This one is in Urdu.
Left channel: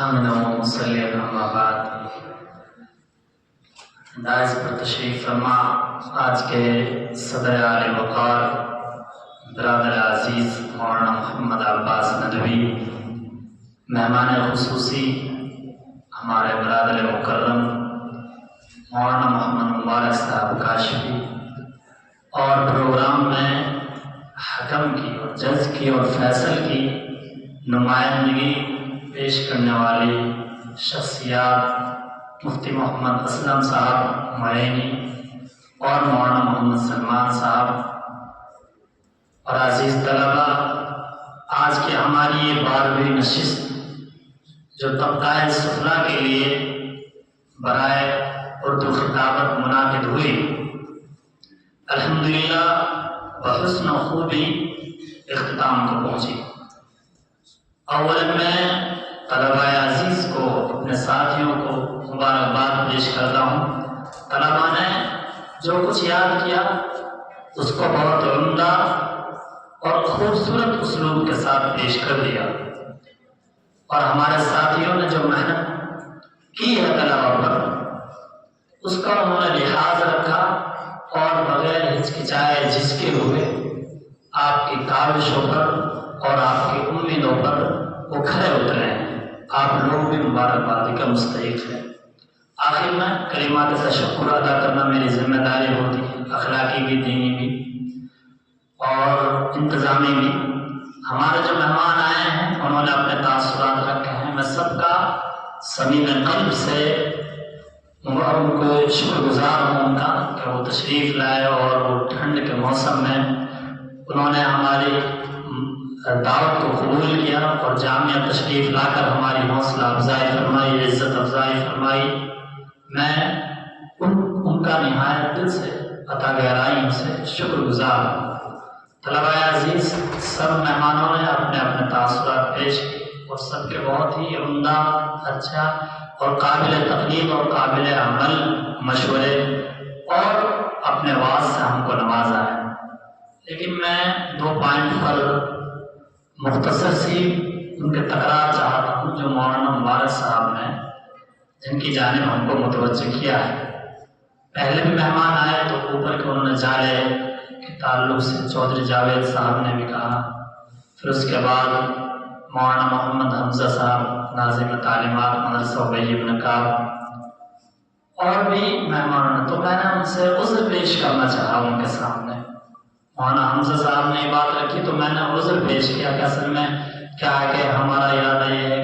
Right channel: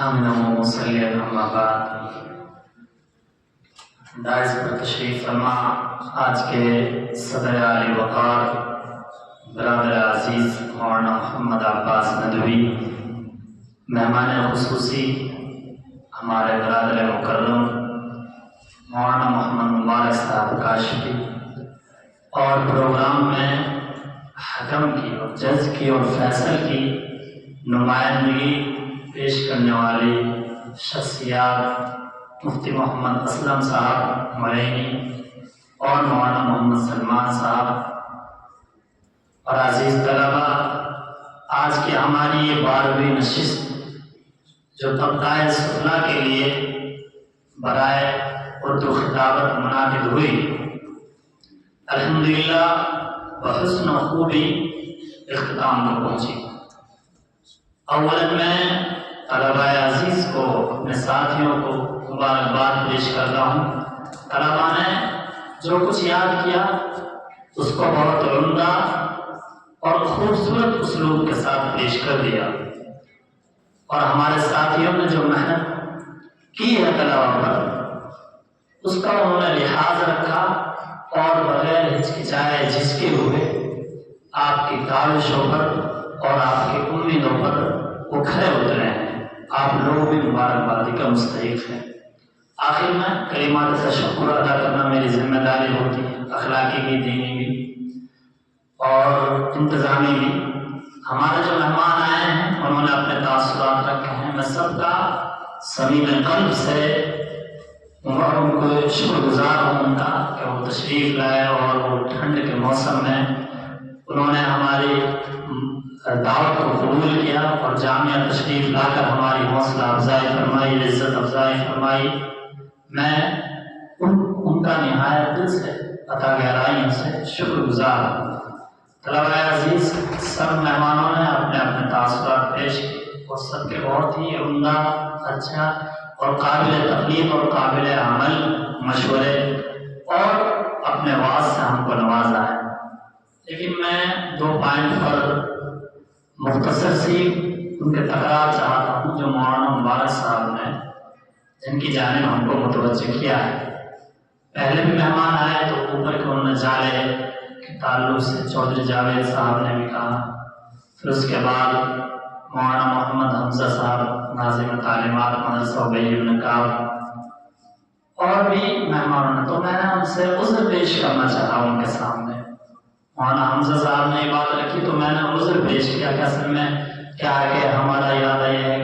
حامد مصلی اما بعد دائز پر تشریف فرما آج کے صدر عالی وقار برادر عزیز مولانا محمد عباس ندوی، مہمان خصوصی ہمارے برادر مکرم مولانا محمد مبارک صاحب کاشفی، اور پروگرام میں حکم کی اور جج کی اور فیصل کی نمائندگی پیش کرنے والی شخصیات مفتی محمد اسلم صاحب معینی اور مولانا محمد سلمان صاحب اور عزیز طلبہ، آج کی ہماری یہ 12ویں نشست جو طبقہ سفلا کے لیے برائے اردو خطابت منعقد ہوئی، الحمدللہ بحسن و خوبی اختتام کو پہنچی۔ اولا میں طلبہ عزیز کو، اپنے ساتھیوں کو مبارکباد پیش کرتا ہوں۔ طلبہ نے جو کچھ یاد کیا اس کو بہت عمدہ اور خوبصورت اسلوب کے ساتھ پیش کر دیا، اور ہمارے ساتھیوں نے جو محنت کی ہے طلبہ پر اس کا انہوں نے لحاظ رکھا، اور بغیر ہچکچائے جھجکے ہوئے آپ کی کاوشوں پر اور آپ کی امیدوں پر وہ کھڑے اترے ہیں۔ آپ لوگ بھی مبارکبادی کا مستحق ہیں۔ آخر میں کلمات تشکر ادا کرنا میری ذمہ داری ہوتی ہے، اخلاقی بھی، دینی بھی اور انتظامی بھی۔ ہمارے جو مہمان آئے ہیں انہوں نے اپنے تاثرات رکھے ہیں، میں سب کا صمیم قلب سے ان کو شکر گزار ہوں ان کا کہ وہ تشریف لائے، اور وہ ٹھنڈ کے موسم میں انہوں نے ہماری دعوت کو قبول کیا اور جامعہ تشریف لا کر ہماری حوصلہ افزائی فرمائی، عزت افزائی فرمائی۔ میں ان کا نہایت دل سے، عطا گہرائیوں سے شکر گزار ہوں۔ طلبہ عزیز، سب مہمانوں نے اپنے اپنے تاثرات پیش کیے، اور سب کے بہت ہی عمدہ، اچھا اور قابل تقلید اور قابل عمل مشورے اور اپنے واعظ سے ہم کو نوازا ہے۔ لیکن میں 2 پوائنٹ پر مختصر سی ان کے تکرار چاہتا ہوں جو مولانا مبارک صاحب نے جن کی جانب ہم کو متوجہ کیا ہے۔ پہلے بھی مہمان آئے تو اوپر کے انہوں نے جارے کے تعلق سے چودھری جاوید صاحب نے بھی کہا، پھر اس کے بعد مولانا محمد حمزہ صاحب ناظم تعلیمات مدرسہ ابی بن کعب اور بھی مہمانوں نے، تو میں نے ان سے عذر پیش کرنا چاہا ان کے سامنے۔ مولانا حمزہ صاحب نے یہ بات رکھی تو میں نے عذر پیش کیا کہ اصل میں کیا ہے کہ ہمارا ارادہ یہ ہے